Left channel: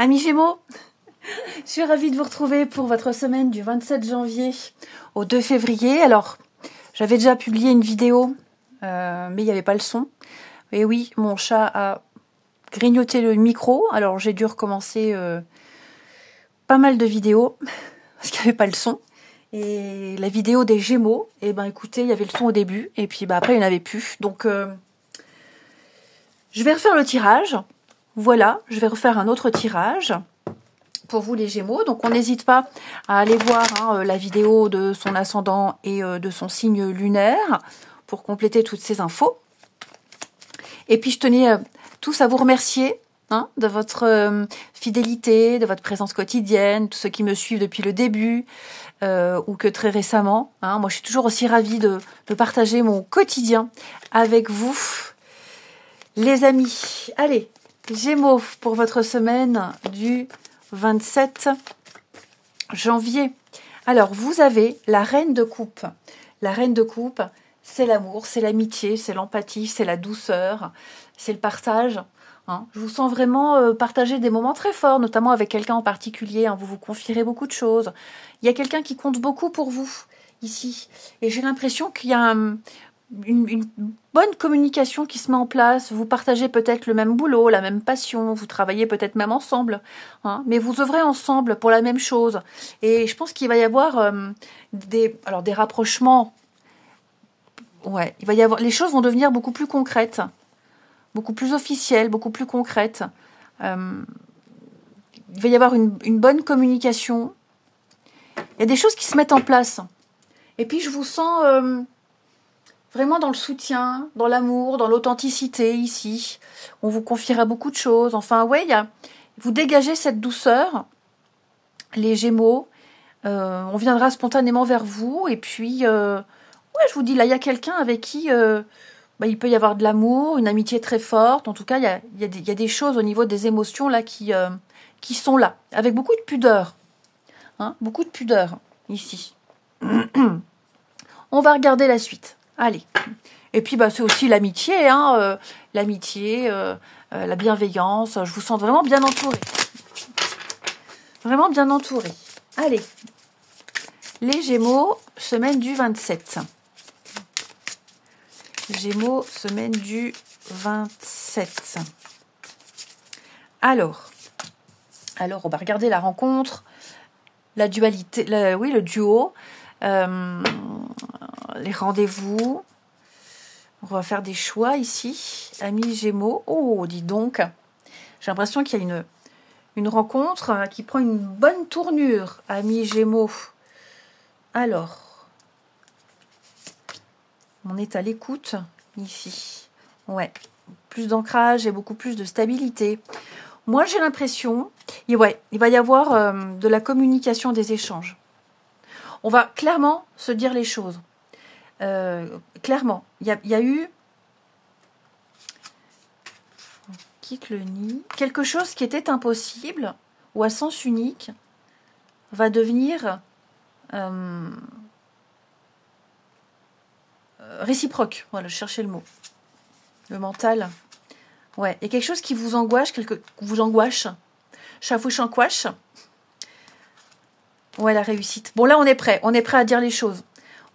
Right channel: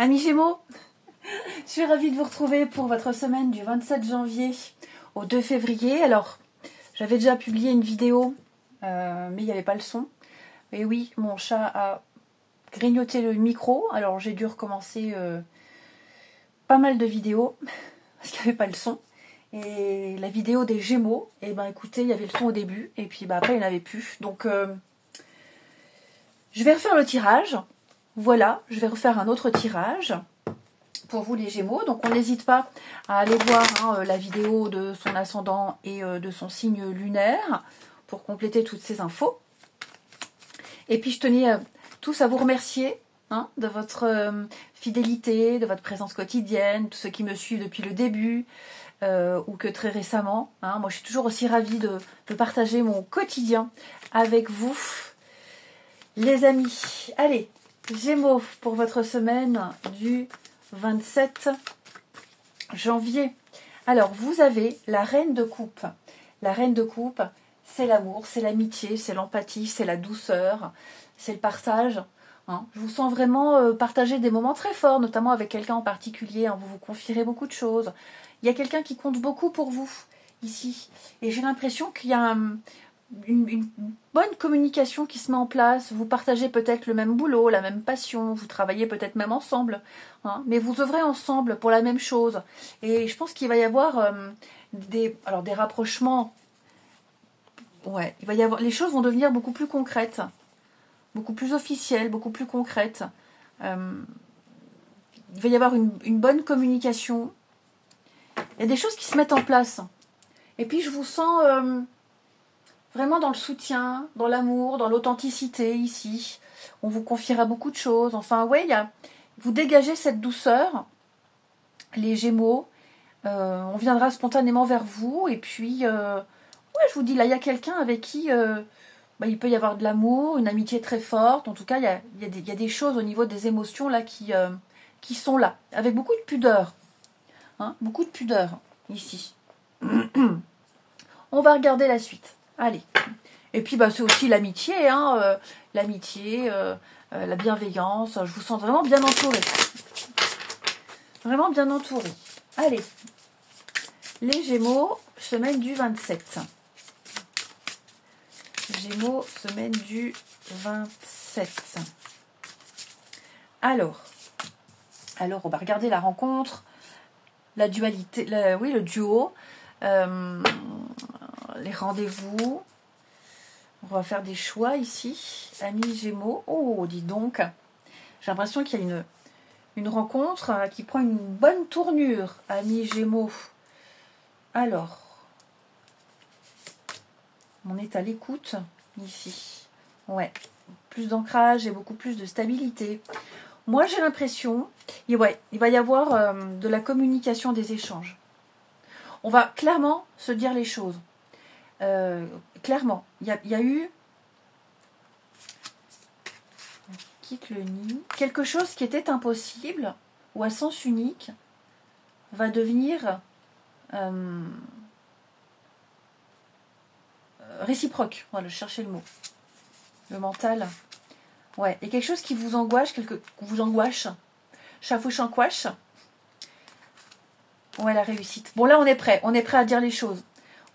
Amis Gémeaux, je suis ravie de vous retrouver pour votre semaine du 27 janvier au 2 février. Alors, j'avais déjà publié une vidéo, mais il n'y avait pas le son. Et oui, mon chat a grignoté le micro, alors j'ai dû recommencer pas mal de vidéos, parce qu'il n'y avait pas le son. Et la vidéo des Gémeaux, et ben écoutez, il y avait le son au début, et puis après il n'y en avait plus. Donc, je vais refaire le tirage. Voilà, je vais refaire un autre tirage pour vous les Gémeaux. Donc on n'hésite pas à aller voir la vidéo de son ascendant et de son signe lunaire pour compléter toutes ces infos. Et puis je tenais tous à vous remercier de votre fidélité, de votre présence quotidienne, tous ceux qui me suivent depuis le début ou que très récemment. Moi je suis toujours aussi ravie de partager mon quotidien avec vous, les amis. Allez, Gémeaux pour votre semaine du 27 janvier. Alors, vous avez la reine de coupe. La reine de coupe, c'est l'amour, c'est l'amitié, c'est l'empathie, c'est la douceur, c'est le partage. Je vous sens vraiment partager des moments très forts, notamment avec quelqu'un en particulier. Vous vous confierez beaucoup de choses. Il y a quelqu'un qui compte beaucoup pour vous, ici. Et j'ai l'impression qu'il y a une bonne communication qui se met en place. Vous partagez peut-être le même boulot, la même passion, vous travaillez peut-être même ensemble, mais vous œuvrez ensemble pour la même chose. Et je pense qu'il va y avoir des rapprochements. Ouais, il va y avoir, les choses vont devenir beaucoup plus concrètes, beaucoup plus officielles, beaucoup plus concrètes. Il va y avoir une bonne communication. Il y a des choses qui se mettent en place. Et puis je vous sens vraiment dans le soutien, dans l'amour, dans l'authenticité ici. On vous confiera beaucoup de choses. Enfin, ouais, vous dégagez cette douceur, les Gémeaux. On viendra spontanément vers vous. Et puis, ouais, je vous dis, là, il y a quelqu'un avec qui il peut y avoir de l'amour, une amitié très forte. En tout cas, il y a des choses au niveau des émotions là qui sont là, avec beaucoup de pudeur. Beaucoup de pudeur ici. On va regarder la suite. Allez. Et puis c'est aussi l'amitié, l'amitié, la bienveillance. Je vous sens vraiment bien entourée. Vraiment bien entourée. Allez. Les Gémeaux, semaine du 27. Gémeaux, semaine du 27. Alors, on va regarder la rencontre, la dualité, le duo, les rendez-vous. On va faire des choix ici. Amis Gémeaux. Oh, dis donc. J'ai l'impression qu'il y a une rencontre qui prend une bonne tournure. Amis Gémeaux. Alors. On est à l'écoute ici. Ouais. Plus d'ancrage et beaucoup plus de stabilité. Moi, j'ai l'impression, il va y avoir de la communication, des échanges. On va clairement se dire les choses. Clairement, il y a eu, quitte le nid, quelque chose qui était impossible ou à sens unique va devenir réciproque. Voilà, je cherchais le mot. Le mental. Ouais, et quelque chose qui vous angoisse, chafouche. Ouais, la réussite. Bon, là, on est prêt à dire les choses.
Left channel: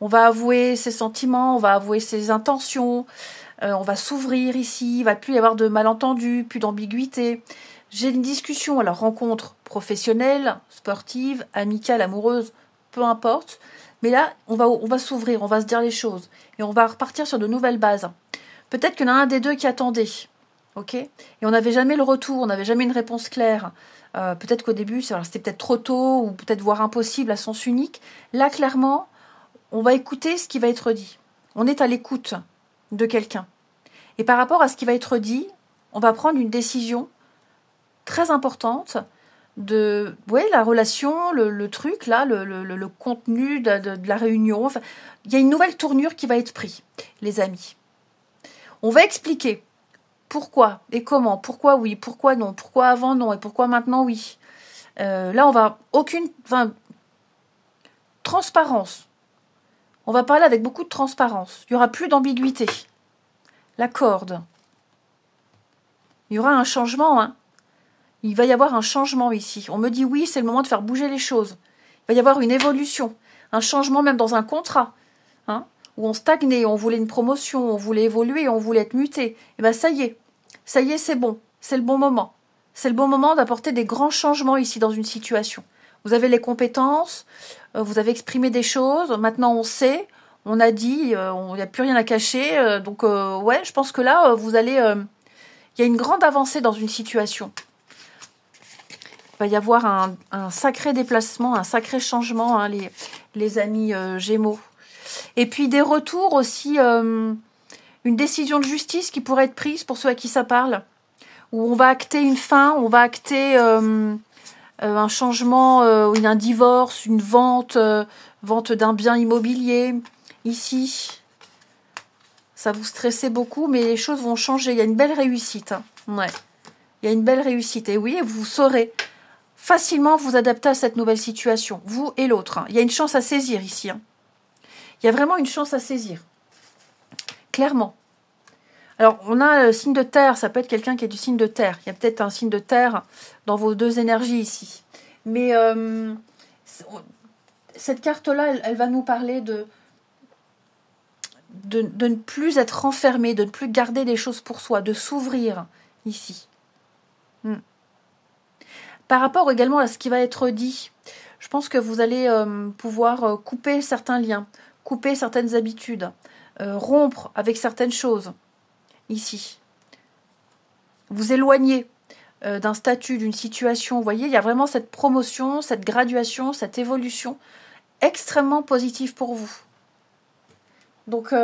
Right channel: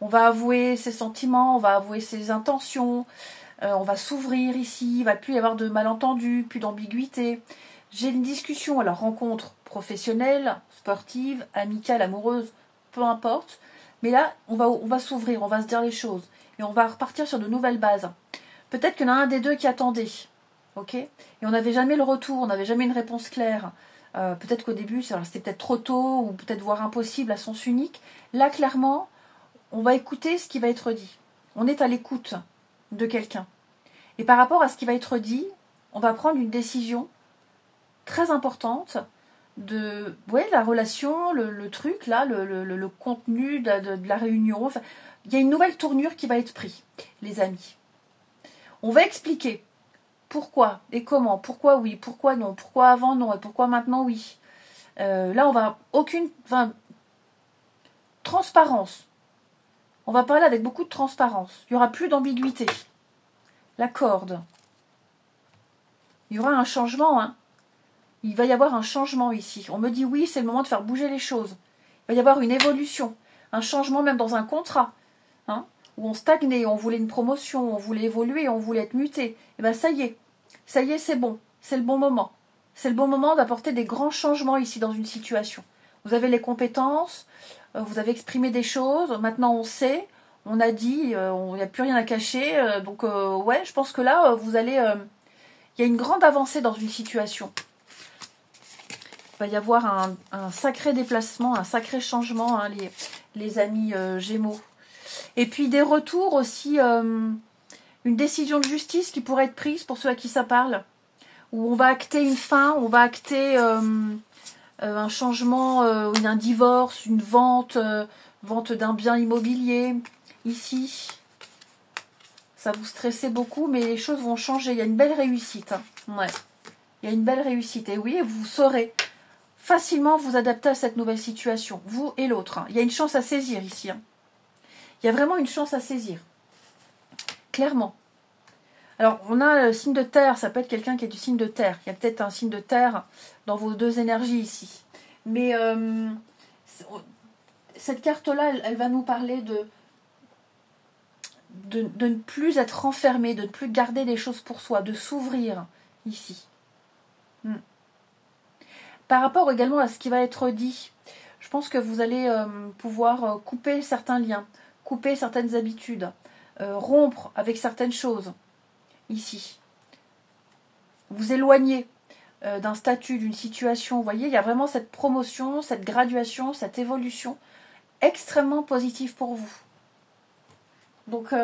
On va avouer ses sentiments, on va avouer ses intentions, on va s'ouvrir ici, il ne va plus y avoir de malentendus, plus d'ambiguïté. J'ai une discussion, alors rencontre professionnelle, sportive, amicale, amoureuse, peu importe. Mais là, on va s'ouvrir, on va se dire les choses. Et on va repartir sur de nouvelles bases. Peut-être qu'il y en a un des deux qui attendait. Ok ? Et on n'avait jamais le retour, on n'avait jamais une réponse claire. Peut-être qu'au début, c'était peut-être trop tôt, ou peut-être voire impossible à sens unique. Là, clairement, on va écouter ce qui va être dit. On est à l'écoute de quelqu'un. Et par rapport à ce qui va être dit, on va prendre une décision très importante de la relation, le truc, là, le contenu de la réunion. Enfin, il y a une nouvelle tournure qui va être prise, les amis. On va expliquer pourquoi et comment, pourquoi oui, pourquoi non, pourquoi avant non et pourquoi maintenant oui. Là, on va transparence. On va parler avec beaucoup de transparence. Il n'y aura plus d'ambiguïté. La corde. Il y aura un changement. Il va y avoir un changement ici. On me dit oui, c'est le moment de faire bouger les choses. Il va y avoir une évolution, un changement même dans un contrat, hein, où on stagnait, on voulait une promotion, on voulait évoluer, on voulait être muté. Et bien ça y est, c'est bon, c'est le bon moment. C'est le bon moment d'apporter des grands changements ici dans une situation. Vous avez les compétences, vous avez exprimé des choses, maintenant on sait, on a dit, il n'y a plus rien à cacher. Donc ouais, je pense que là, vous allez... il y a une grande avancée dans une situation. Il va y avoir un sacré déplacement, un sacré changement, hein, les amis Gémeaux. Et puis des retours aussi, une décision de justice qui pourrait être prise pour ceux à qui ça parle. Où on va acter une fin, on va acter un changement, un divorce, une vente, vente d'un bien immobilier. Ici, ça vous stressait beaucoup, mais les choses vont changer. Il y a une belle réussite. Hein. Ouais. Il y a une belle réussite. Et oui, vous saurez facilement vous adapter à cette nouvelle situation, vous et l'autre. Hein. Il y a une chance à saisir ici. Hein. Il y a vraiment une chance à saisir. Clairement. Alors, on a le signe de terre, ça peut être quelqu'un qui est du signe de terre. Il y a peut-être un signe de terre dans vos deux énergies ici. Mais cette carte-là, elle va nous parler de ne plus être renfermé, de ne plus garder les choses pour soi, de s'ouvrir ici. Par rapport également à ce qui va être dit, je pense que vous allez pouvoir couper certains liens, couper certaines habitudes, rompre avec certaines choses. Ici, vous éloignez d'un statut, d'une situation. Vous voyez, il y a vraiment cette promotion, cette graduation, cette évolution extrêmement positive pour vous. Donc,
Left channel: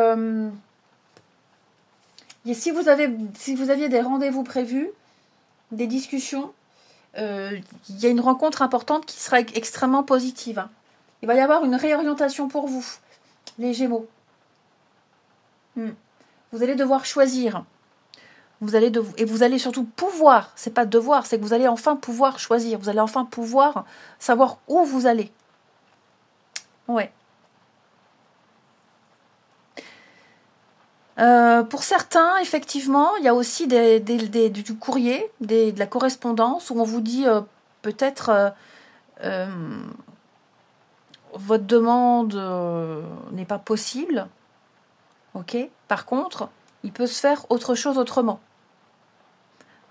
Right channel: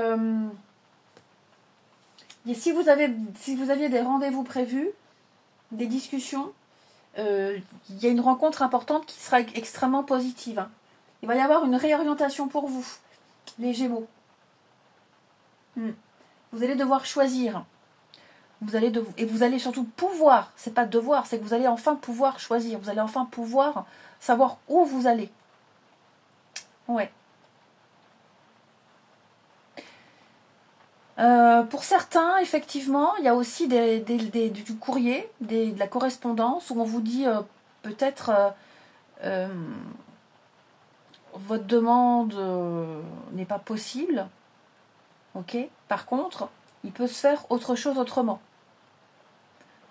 si vous aviez des rendez-vous prévus, des discussions, il y a une rencontre importante qui sera extrêmement positive. Hein. Il va y avoir une réorientation pour vous, les Gémeaux. Vous allez devoir choisir. Et vous allez surtout pouvoir, c'est pas devoir, c'est que vous allez enfin pouvoir choisir. Vous allez enfin pouvoir savoir où vous allez. Ouais. Pour certains, effectivement, il y a aussi du courrier, de la correspondance, où on vous dit peut-être votre demande n'est pas possible. Ok. Par contre, il peut se faire autre chose autrement.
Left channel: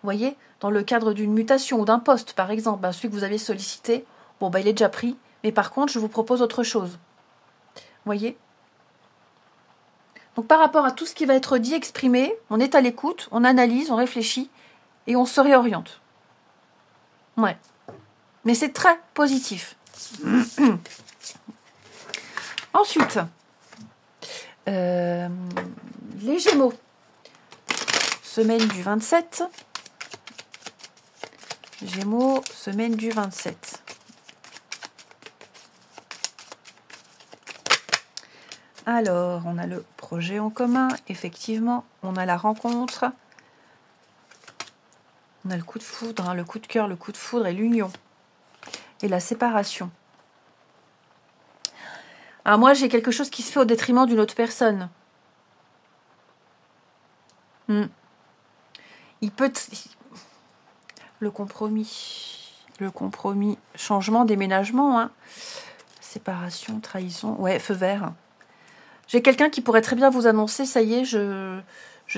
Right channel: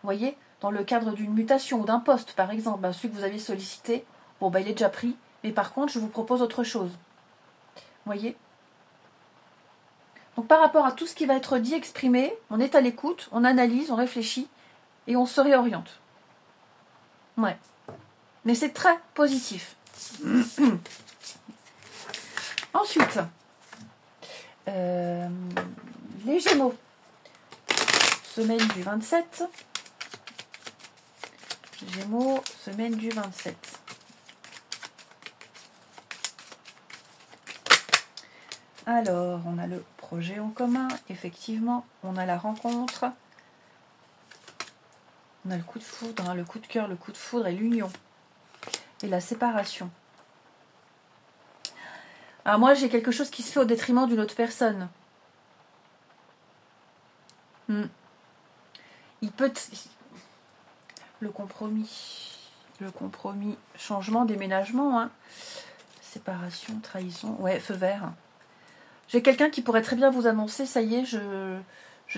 Vous voyez, dans le cadre d'une mutation ou d'un poste, par exemple, celui que vous avez sollicité, bon, il est déjà pris, mais par contre, je vous propose autre chose. Vous voyez? Donc, par rapport à tout ce qui va être dit, exprimé, on est à l'écoute, on analyse, on réfléchit, et on se réoriente. Ouais. Mais c'est très positif. Ensuite, les Gémeaux, semaine du 27. Gémeaux, semaine du 27. Alors, on a le projet en commun, effectivement, on a la rencontre, on a le coup de foudre, hein, le coup de cœur, le coup de foudre et l'union, et la séparation. Alors moi, j'ai quelque chose qui se fait au détriment d'une autre personne. Il peut... Le compromis, changement, déménagement, hein. Séparation, trahison, ouais, feu vert. J'ai quelqu'un qui pourrait très bien vous annoncer, ça y est, je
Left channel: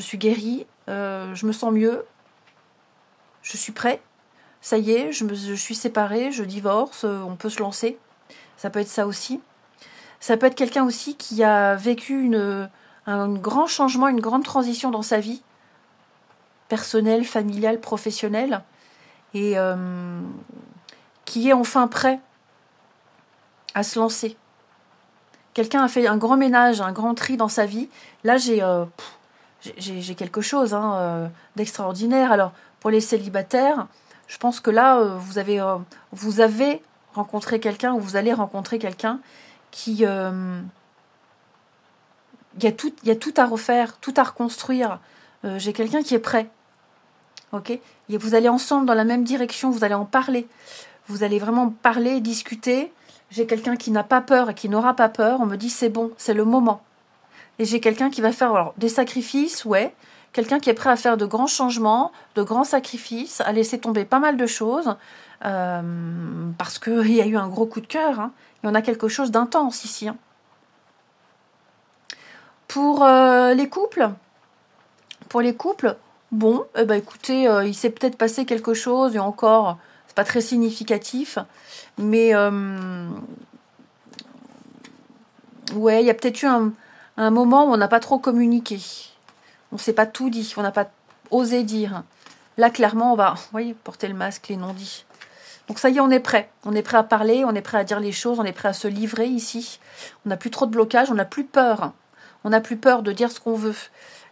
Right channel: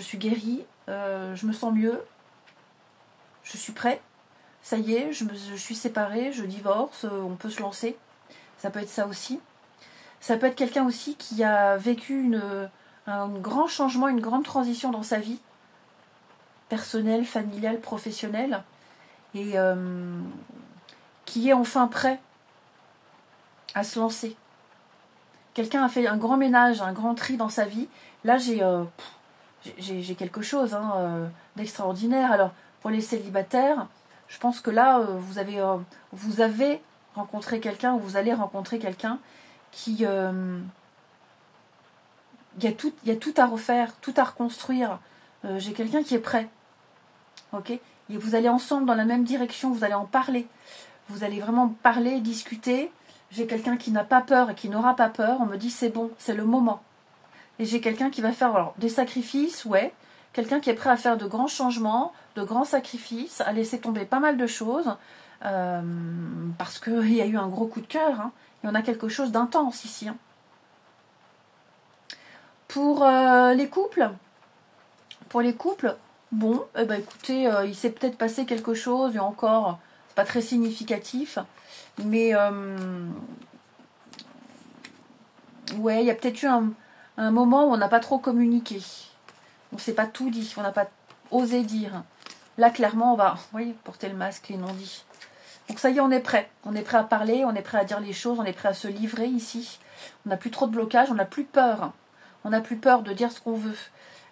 suis guérie, je me sens mieux, je suis prêt, ça y est, je suis séparée, je divorce, on peut se lancer. Ça peut être ça aussi. Ça peut être quelqu'un aussi qui a vécu un grand changement, une grande transition dans sa vie, personnelle, familiale, professionnelle, et qui est enfin prêt à se lancer. Quelqu'un a fait un grand ménage, un grand tri dans sa vie. Là, j'ai quelque chose d'extraordinaire. Alors, pour les célibataires, je pense que là, vous avez rencontré quelqu'un, ou vous allez rencontrer quelqu'un qui... il y a tout à refaire, tout à reconstruire. J'ai quelqu'un qui est prêt. Ok ? Et vous allez ensemble dans la même direction, vous allez en parler. Vous allez vraiment parler, discuter. J'ai quelqu'un qui n'a pas peur et qui n'aura pas peur. On me dit c'est bon, c'est le moment. Et j'ai quelqu'un qui va faire des sacrifices, ouais. quelqu'un qui est prêt à faire de grands changements, de grands sacrifices, à laisser tomber pas mal de choses, parce qu'il y a eu un gros coup de cœur. Hein. Il y en a quelque chose d'intense ici. Hein. Pour les couples, bon, eh ben, écoutez, il s'est peut-être passé quelque chose, et encore, c'est pas très significatif, mais ouais, il y a peut-être eu un moment où on n'a pas trop communiqué. On ne s'est pas tout dit, on n'a pas osé dire. Là, clairement, on va, vous voyez, porter le masque, les non-dits. Donc ça y est, on est prêt. On est prêt à parler, on est prêt à dire les choses, on est prêt à se livrer ici. On n'a plus trop de blocage, on n'a plus peur. On n'a plus peur de dire ce qu'on veut,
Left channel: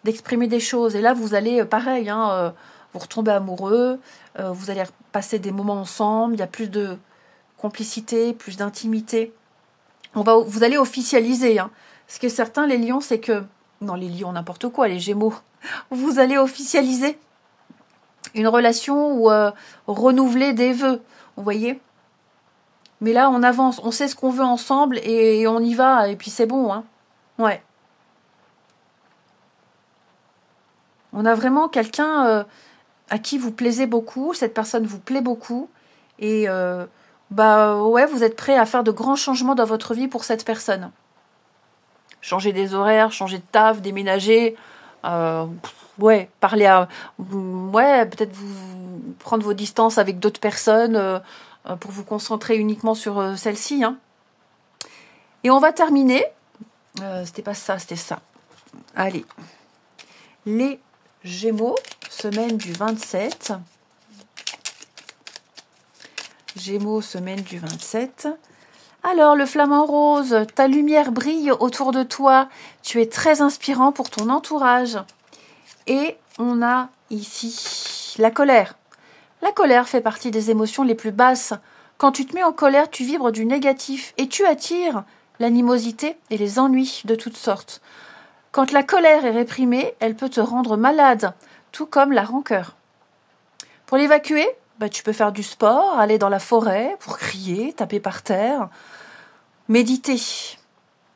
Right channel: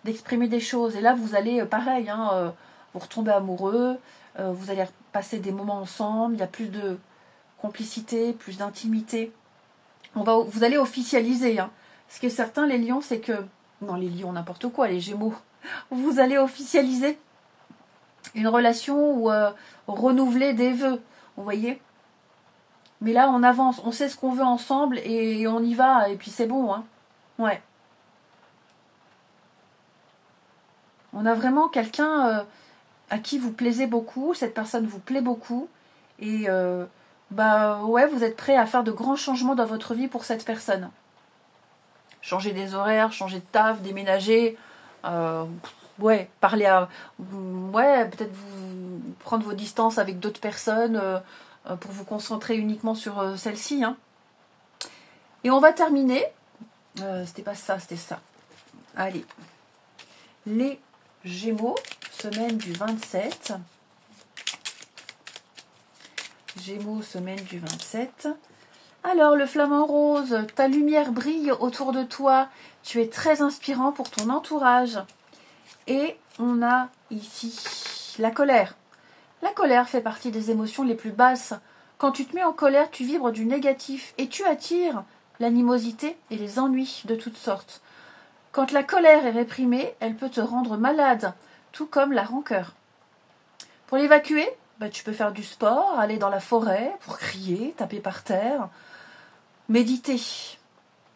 d'exprimer des choses. Et là, vous allez, pareil, hein, vous retomber amoureux, vous allez passer des moments ensemble, il y a plus de complicité, plus d'intimité. Vous allez officialiser. Hein. Ce qui est certain, les lions, c'est que... Non, les lions, n'importe quoi, les gémeaux. Vous allez officialiser une relation ou renouveler des vœux. Vous voyez? Mais là, on avance. On sait ce qu'on veut ensemble et on y va. Et puis, c'est bon. Hein. Ouais. On a vraiment quelqu'un à qui vous plaisez beaucoup. Cette personne vous plaît beaucoup. Et bah ouais, vous êtes prêt à faire de grands changements dans votre vie pour cette personne. Changer des horaires, changer de taf, déménager, ouais, parler à... Ouais, peut-être vous prendre vos distances avec d'autres personnes pour vous concentrer uniquement sur celle-ci. Hein. Et on va terminer. C'était pas ça, c'était ça. Allez. Les Gémeaux, semaine du 27. Gémeaux, semaine du 27. Alors, le flamant rose, ta lumière brille autour de toi. Tu es très inspirant pour ton entourage. Et on a ici la colère. La colère fait partie des émotions les plus basses. Quand tu te mets en colère, tu vibres du négatif et tu attires l'animosité et les ennuis de toutes sortes. Quand la colère est réprimée, elle peut te rendre malade, tout comme la rancœur. Pour l'évacuer, bah, tu peux faire du sport, aller dans la forêt pour crier, taper par terre, méditer.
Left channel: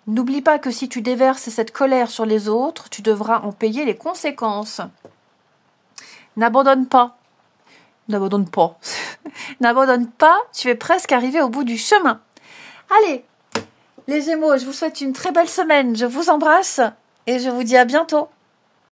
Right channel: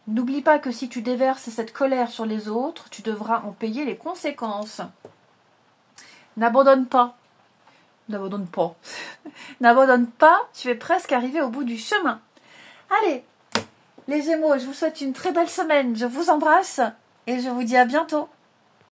N'oublie pas que si tu déverses cette colère sur les autres, tu devras en payer les conséquences. N'abandonne pas. N'abandonne pas. N'abandonne pas, tu es presque arrivé au bout du chemin. Allez, les Gémeaux, je vous souhaite une très belle semaine. Je vous embrasse et je vous dis à bientôt.